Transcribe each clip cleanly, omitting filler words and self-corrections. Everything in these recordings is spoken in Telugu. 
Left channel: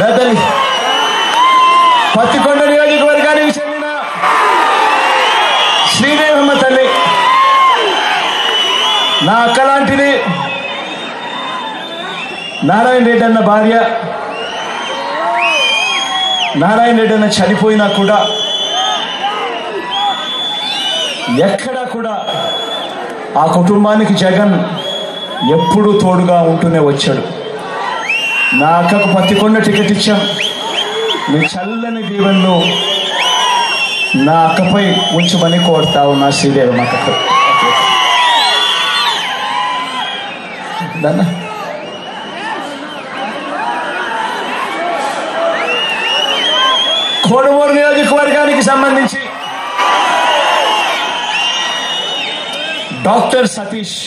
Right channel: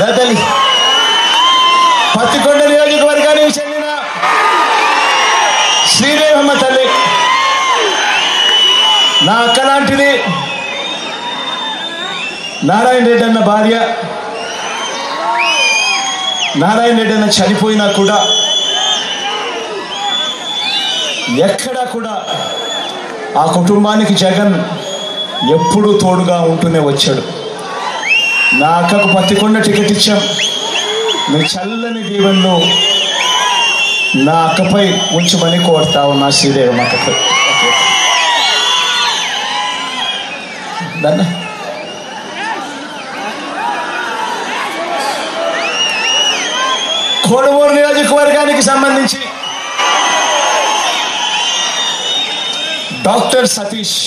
తల్లి పత్తికొండ నియోజకవర్గానికి చెందిన శ్రీదేవమ్మ తల్లి నా అక్క లాంటిది. నారాయణ రెడ్డి అన్న భార్య. నారాయణ రెడ్డి అన్న చనిపోయినా కూడా ఎక్కడా కూడా ఆ కుటుంబానికి జగన్ ఎప్పుడూ తోడుగా ఉంటూనే వచ్చాడు. నా అక్కకు పత్తికొండ టికెట్ ఇచ్చాం. మీ చల్లని దీవెనలో నా అక్కపై ఉంచమని కోరుతా ఉన్నా. శ్రీదేవమ్మ అక్కపై కోడుమూరు నియోజకవర్గానికి సంబంధించి డాక్టర్ సతీష్,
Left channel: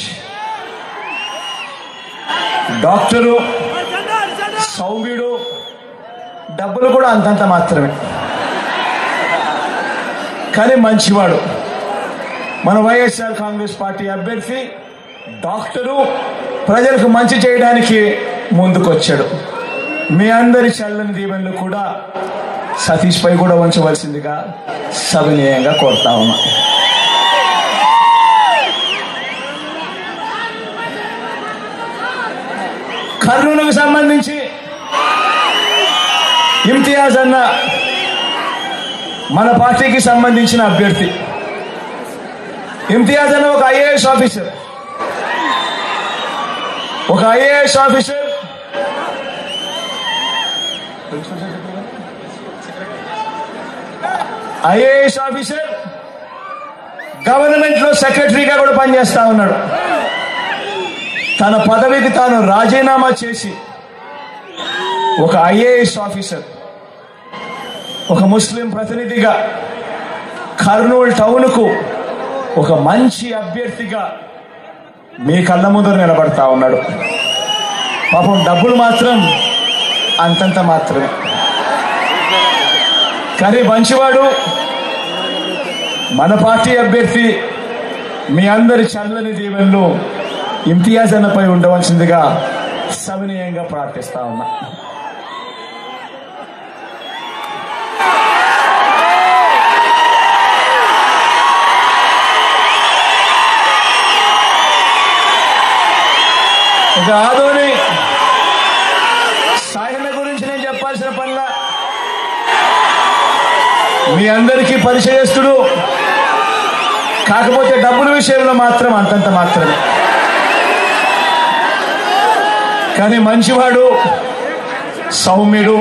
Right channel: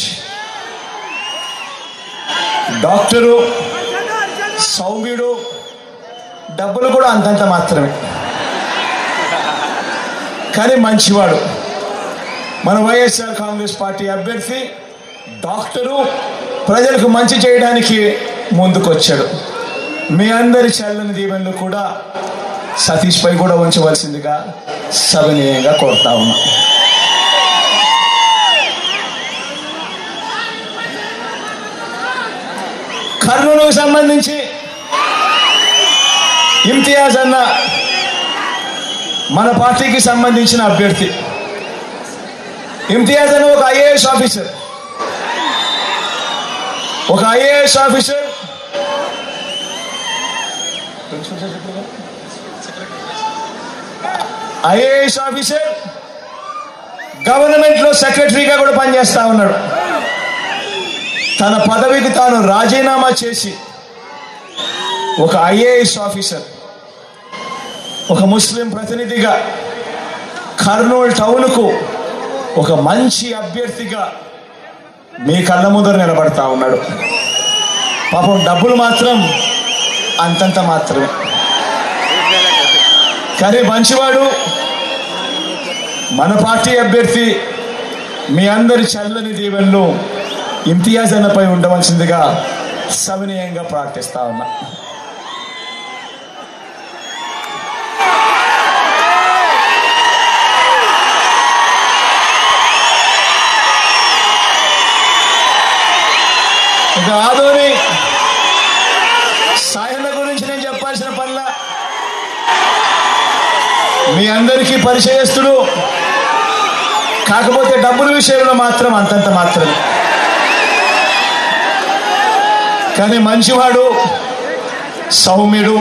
డాక్టరు సౌమ్యుడు, డబ్బులు కూడా అంతంత మాత్రమే, కానీ మంచివాడు. మన వైఎస్ఆర్ కాంగ్రెస్ పార్టీ అభ్యర్థి డాక్టరు, ప్రజలకు మంచి చేయడానికి ముందుకొచ్చాడు. మీ అందరి చల్లని దీవెనలు కూడా సతీష్ పై కూడా ఉంచవలసిందిగా సవినయంగా కోరుతా ఉన్నా. కర్నూలుకు సంబంధించి ఇమ్తియాజ్ అన్న మన పార్టీకి సంబంధించిన అభ్యర్థి. ఇమ్తియాజ్ అన్న ఒక IAS officer. IAS officer government లో సెక్రటరీగా కూడా పనిచేస్తా ఉన్నాడు. తన పదవికి తాను రాజీనామా చేసి ఒక ఐఏఎస్ ఆఫీసర్, ఒక ముస్లిం ప్రతినిధిగా కర్నూలు టౌన్కు ఒక మంచి అభ్యర్థిగా మీ కళ్ళ ముందర నిలబడతా ఉన్నాడు. పాపం డబ్బులు మాత్రం అంతంత మాత్రమే, కానీ మంచివాడు. మన పార్టీ అభ్యర్థి మీ అందరి చల్లని దీవెనలు ఇమ్తియాజ్ అన్నపై ఉండవలసిందిగా సవినయంగా ప్రార్థిస్తా ఉన్నా. ఇక ఆదోని సాయన్న గురించి నేను చెప్పాల్సిన పనుల మీ అందరికీ పరిచయస్తుడు, కాకపోతే డబ్బుల విషయంలో మాత్రం అంతంత మాత్రమే, కానీ మంచివాడు, సౌమ్యుడు.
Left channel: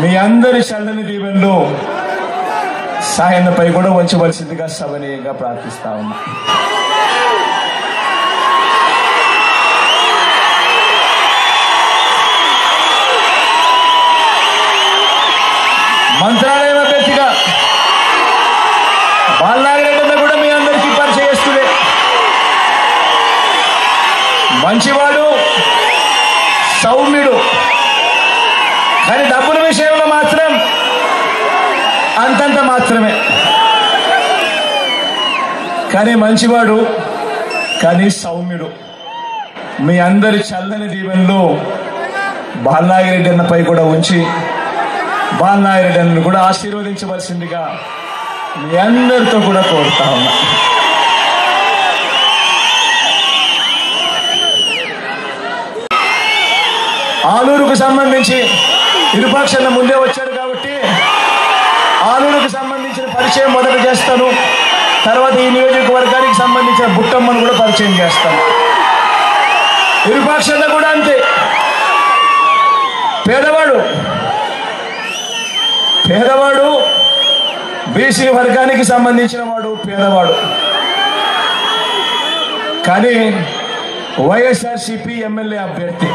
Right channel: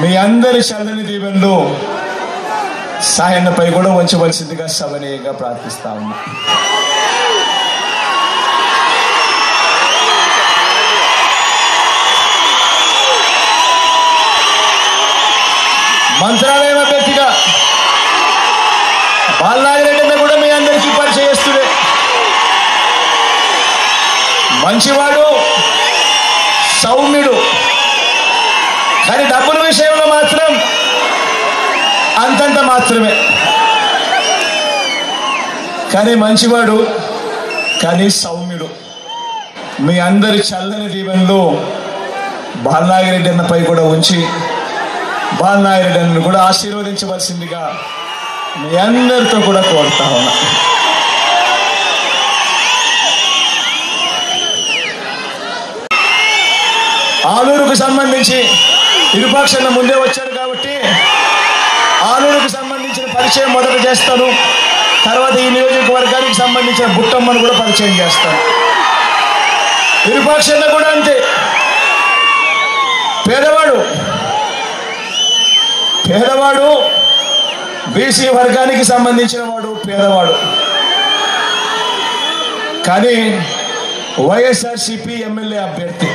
మీ అందరి చల్లని దీవెనలు సాయన్నపై కూడా ఉంచవలసిందిగా సవినయంగా ప్రార్థిస్తా ఉన్నా. మంత్రాలయం అభ్యర్థిగా బాలనాగిరెడ్డి కూడా మీ అందరికీ పరిచయస్తుడే. మంచివాడు, సౌమ్యుడు, కానీ డబ్బుల విషయంలో మాత్రం అంతంత మాత్రమే, కానీ మంచివాడు, కానీ సౌమ్యుడు. మీ అందరి చల్లని దీవెనలు బాలనాగిరెడ్డి అన్నపై కూడా ఉంచి బాలనాగిరెడ్డి అన్నను కూడా ఆశీర్వదించవలసిందిగా మీ అందరితో కూడా కోరుతా ఉన్నా. ఆలూరుకు సంబంధించి ఇరుపక్షాల ముందే వచ్చాడు కాబట్టి ఆలూరుకు సంబంధించిన పరిచయం మొదట చేస్తాను. తర్వాత ఈ నియోజకవర్గానికి సంబంధించిన బుట్టమ్మను కూడా పరిచయం చేస్తాను. ఇరుపక్షాల కూడా అంతే. పేదవాడు బీసీ వర్గానికి సంబంధించిన వాడు, పేదవాడు, కానీ వైఎస్ఆర్సీపీ ఎమ్మెల్యే అభ్యర్థి.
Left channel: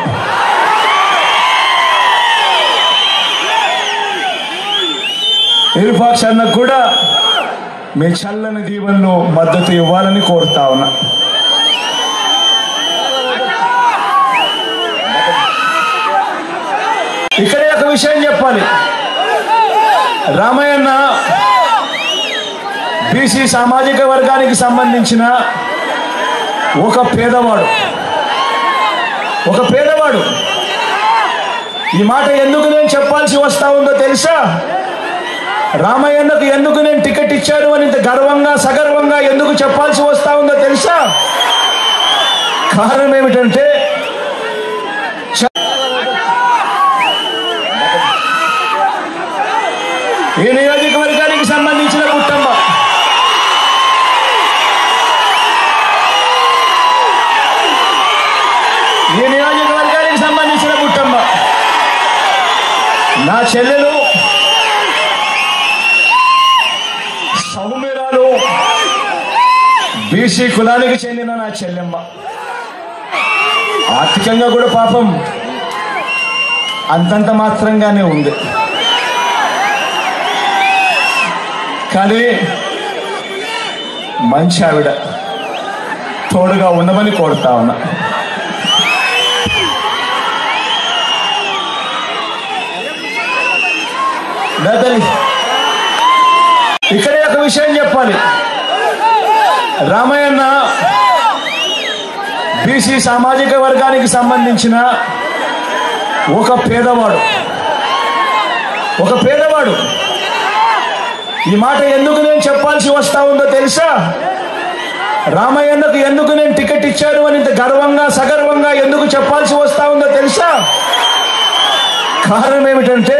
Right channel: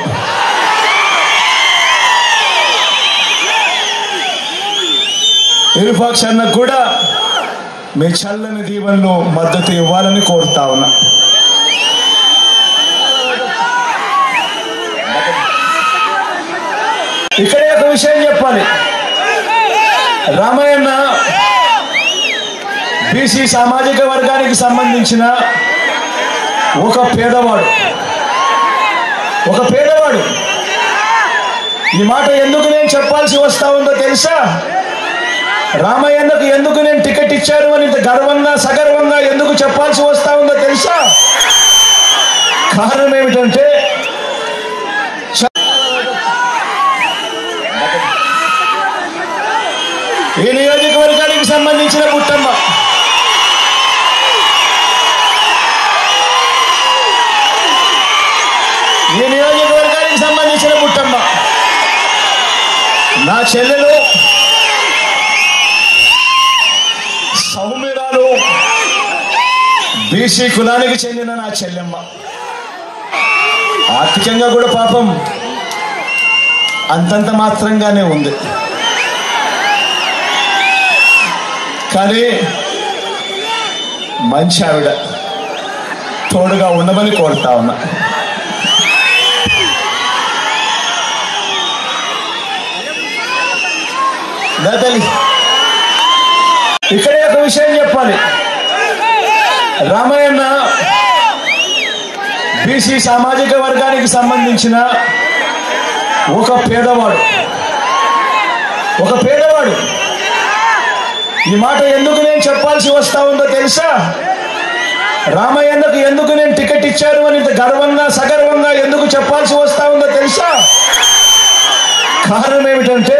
ఇరుపక్షాలకు కూడా మీ చల్లని దీవెనలు మద్దతు ఇవ్వాలని కోరుతా ఉన్నా. ఇక్కడే ఒక విషయం చెప్పాలి. రామయ్యన్న బీసీ సామాజిక వర్గానికి సంబంధించిన ఒక పేదవాడు. ఈ మాట ఎందుకు నేను చెప్పాల్సి వస్తా ఉందో తెలుసా? రామయ్యన్నకు ఎందుకు నేను టికెట్ ఇచ్చాను అని ఇంత గర్వంగా సగర్వంగా ఎందుకు చెప్పాల్సి వస్తా ఉందో తెలుసా? కారణం ఏమిటంటే ఈ నియోజకవర్గానికి సంబంధించిన బుట్టమ్మ, ఈ నియోజకవర్గానికి సంబంధించిన బుట్టమ్మ నా చెల్లెలు సౌమ్యురాలు, బీసీ కులానికి చెందిన నా చెల్లెమ్మ. ఆర్థికంగా కూడా పాపం అంతంత మాత్రంగానే ఉంది. కానీ మంచి ఆవిడ, తోడుగా ఉండమని కోరుతా ఉన్నా. ఇక్కడే ఒక విషయం చెప్పాలి. రామయ్యన్న బీసీ సామాజిక వర్గానికి సంబంధించిన ఒక పేదవాడు. ఈ మాట ఎందుకు నేను చెప్పాల్సి వస్తా ఉందో తెలుసా? రామయ్యన్నకు ఎందుకు నేను టికెట్ ఇచ్చాను అని ఇంత గర్వంగా సగర్వంగా ఎందుకు చెప్పాల్సి వస్తా ఉందో తెలుసా? కారణం ఏమిటంటే